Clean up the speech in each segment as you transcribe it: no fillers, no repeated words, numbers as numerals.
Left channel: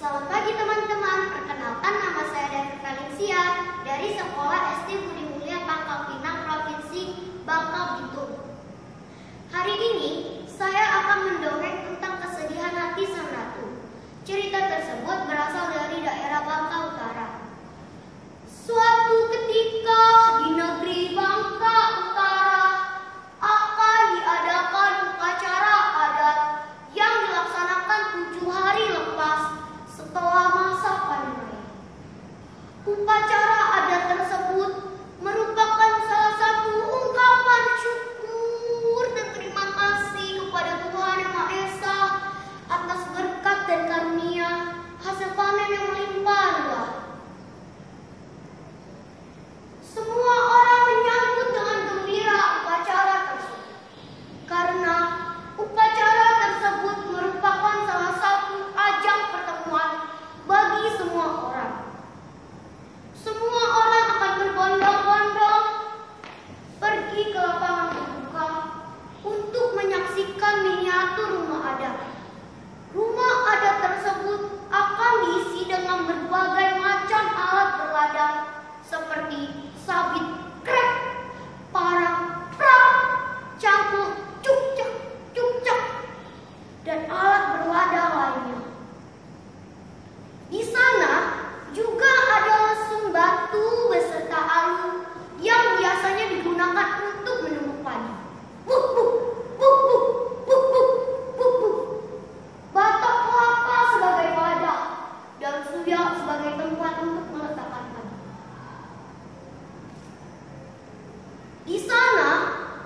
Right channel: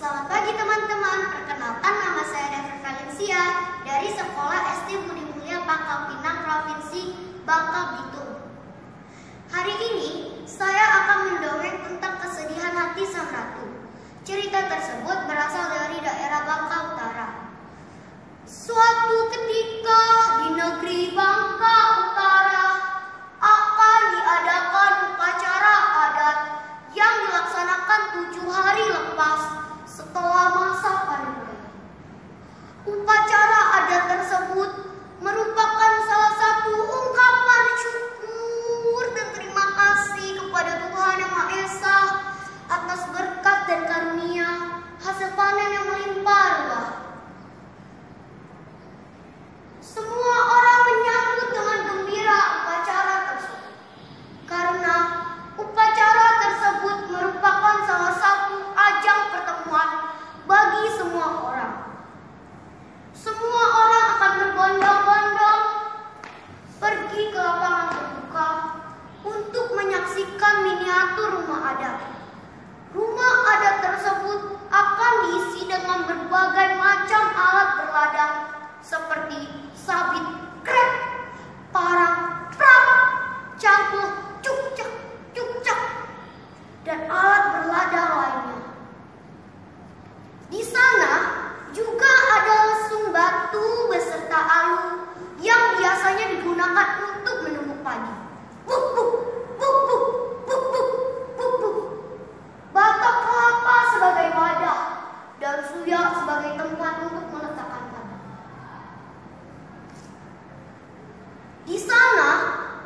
Selamat pagi teman-teman, perkenalkan nama saya David Valencia dari Sekolah SD Budi Mulia Pangkal Pinang, Provinsi Bangka Belitung. Hari ini saya akan mendongeng tentang kesedihan hati sang ratu. Cerita tersebut berasal dari daerah Bangka Utara. Suatu ketika di negeri Bangka Utara akan diadakan upacara adat yang dilaksanakan 7 hari lepas setelah masa panen raya. Upacara adat tersebut merupakan salah satu ungkapan syukur dan terima kasih kepada Tuhan Yang Maha Esa atas berkat dan karunia hasil panen yang melimpah ruah. Semua orang menyambut dengan gembira upacara tersebut karena upacara tersebut merupakan salah satu ajang pertemuan bagi semua orang. Semua orang akan berbondong-bondong pergi ke lapangan terbuka untuk menyaksikan miniatur rumah adat. Rumah adat tersebut akan diisi dengan berbagai macam alat berladang seperti sabit, krek, parang, prak, cangkul, cukcak, dan alat berladang lainnya. Di sana juga ada lesung batu beserta alu yang biasanya digunakan untuk menumbuk padi. Buk buk, buk buk, buk buk, buk buk. Batok kelapa sebagai wadah dan suya sebagai tempat untuk meletakkan padi. Di sana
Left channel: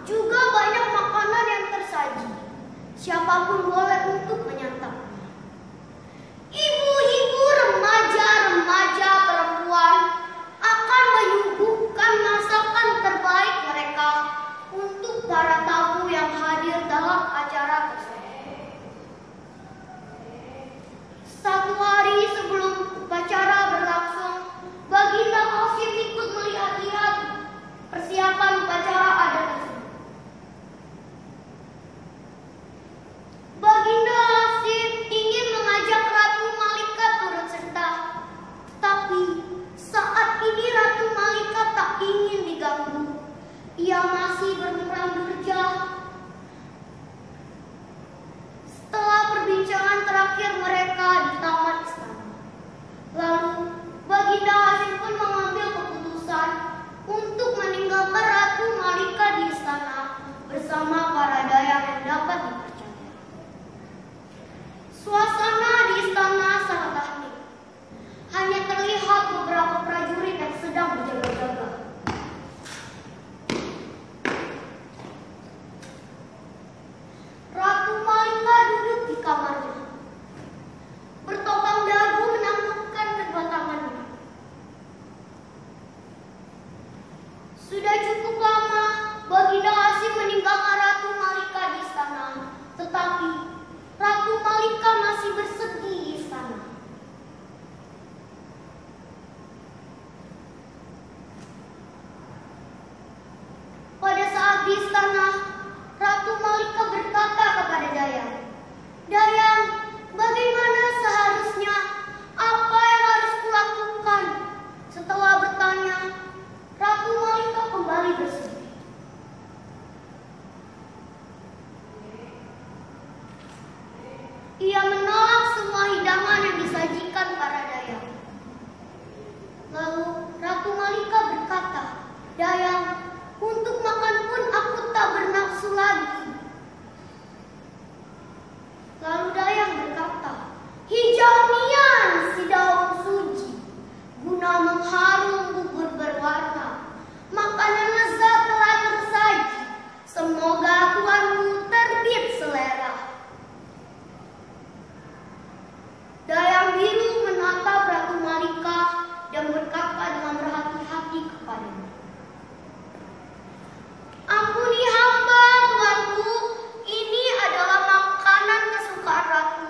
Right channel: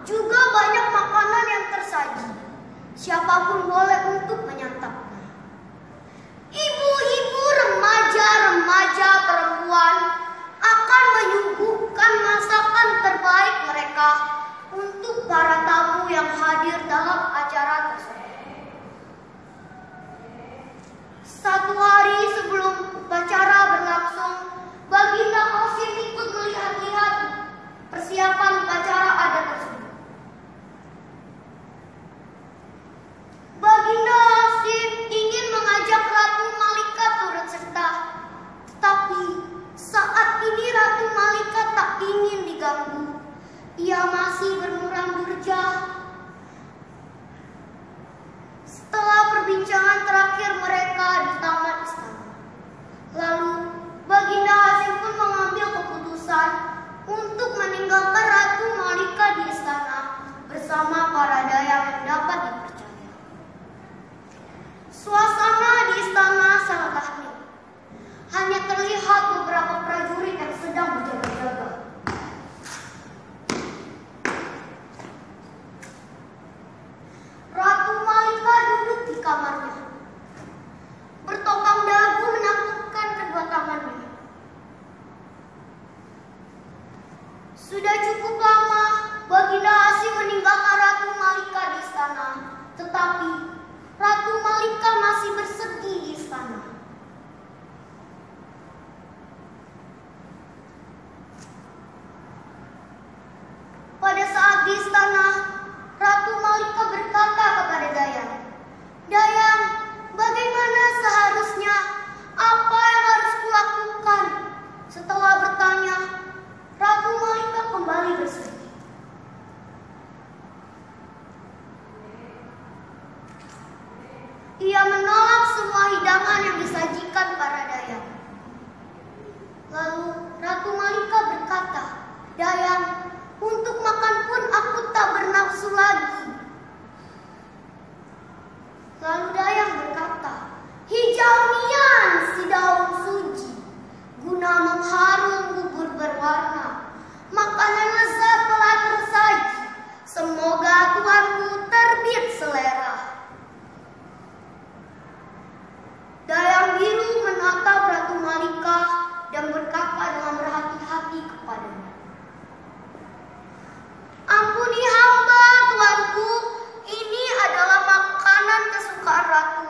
juga banyak makanan yang tersaji. Siapapun boleh untuk menyantapnya. Ibu-ibu, remaja-remaja perempuan akan menyuguhkan masakan terbaik mereka untuk para tamu yang hadir dalam acara tersebut. Satu hari sebelum upacara berlangsung, Baginda Hasyim ikut melihat-lihat persiapan upacara adat tersebut. Baginda Hasyim ingin mengajak Ratu Malika turut serta, tetapi saat ini Ratu Malika tak ingin diganggu. Ia masih bermuram durja. Setelah perbincangan terakhir mereka di taman istana, lalu Baginda Hasyim pun mengambil keputusan untuk meninggalkan Ratu Malika di istana bersama para dayang yang dapat dipercaya. Suasana di istana sangat hening. Hanya terlihat beberapa prajurit yang sedang berjaga-jaga. Ratu Malika duduk di kamarnya, bertopang dagu menakutkan kedua tangannya. Sudah cukup lama Baginda Hasyim meninggalkan Ratu Malika di istana, tetapi Ratu Malika masih bersedih di istana. Pada saat di istana, Ratu Malika berkata kepada Dayang, "Dayang, bagaimana seharusnya? Apa yang harus kulakukan?" Setelah bertanya, Ratu Malika kembali bersedih. Ia menolak semua hidangan yang disajikan para dayang. Lalu Ratu Malika berkata, "Dayang, untuk makan pun aku tak bernafsu lagi." Lalu dayang berkata, "Hijau nian si daun suji, guna mengharum bubur berwarna. Makanan lezat telah tersaji, semoga tuanku terbit selera." Dayang biru menatap Ratu Malika dan berkata dengan berhati-hati kepadanya, "Ampuni hamba, tuanku. Ini adalah makanan kesukaan ratu.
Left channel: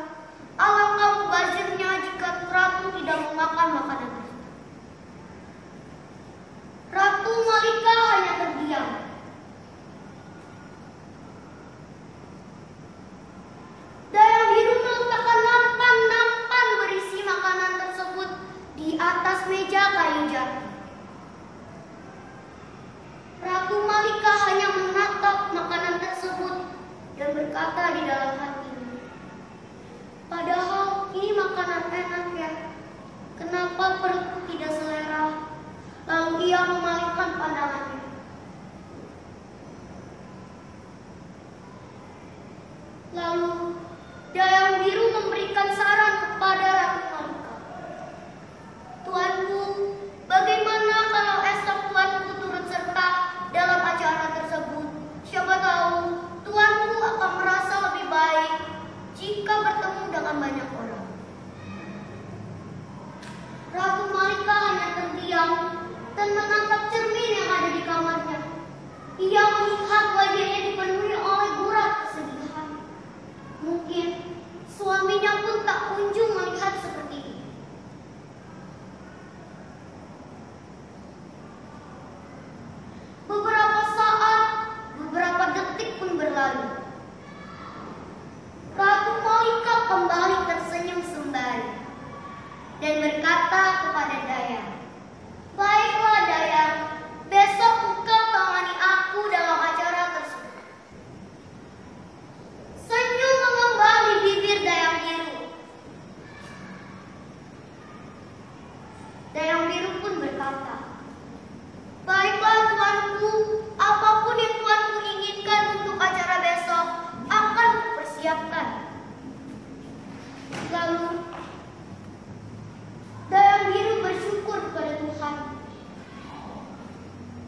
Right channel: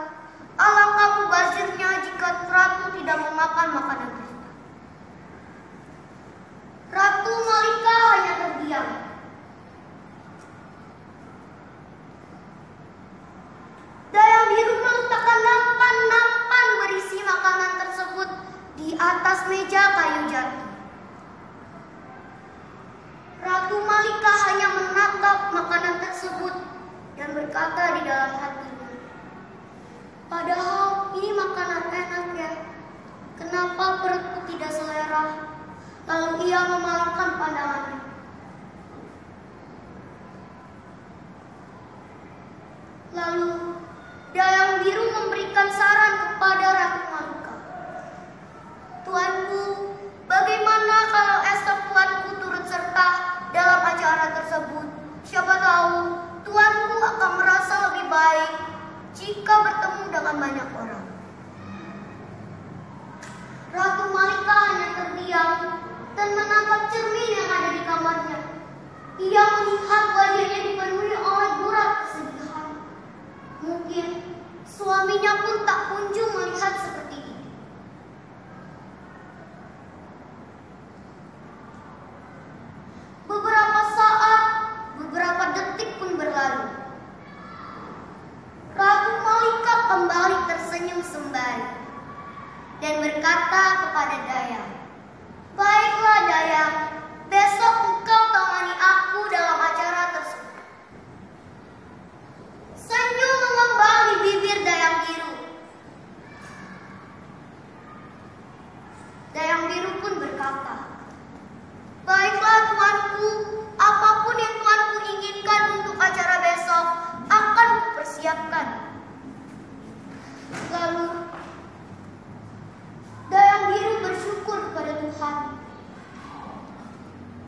atas meja kayu jati. Ratu Malika hanya menatap makanan tersebut dan berkata di dalam hatinya, "Padahal ini makanan enak ya, kenapa perutku tidak selera?" Lalu ia memalingkan pandangannya. Lalu Dayang Biru memberikan saran kepada Ratu Malika. "Tuanku, bagaimana kalau esok tuanku turut serta dalam acara tersebut? Siapa tahu tuanku akan merasa lebih baik jika bertemu dengan banyak orang." Ratu Malika hanya terdiam dan menatap cermin yang ada di kamarnya. Ia melihat wajahnya dipenuhi oleh gurat kesedihan. Mungkin suaminya pun tak kunjung melihat seperti ini. Beberapa saat, beberapa detik pun berlalu. Ratu Malika kembali tersenyum sembari dan berkata kepada Dayang, "Baiklah Dayang, besok engkau tangani aku dalam acara tersebut." Senyum mengembang di bibir Dayang Biru. Dayang Biru pun berkata, "Baiklah tuanku, apapun yang tuanku inginkan untuk acara besok akan kupersiapkan." Lalu Dayang Biru bersyukur kepada Tuhan.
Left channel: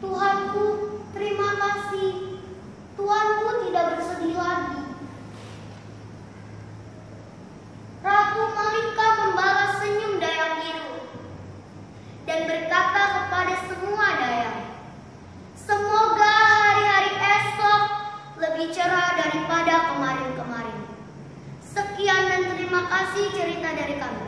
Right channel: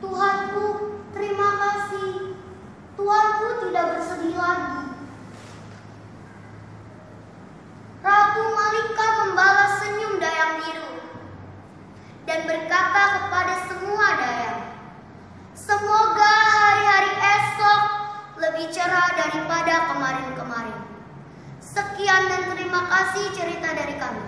"Tuhanku, terima kasih. Tuanku tidak bersedih lagi." Ratu Malika membalas senyum Dayang Biru dan berkata kepada semua dayang, "Semoga hari-hari esok lebih cerah daripada kemarin-kemarin." Sekian dan terima kasih cerita dari kami.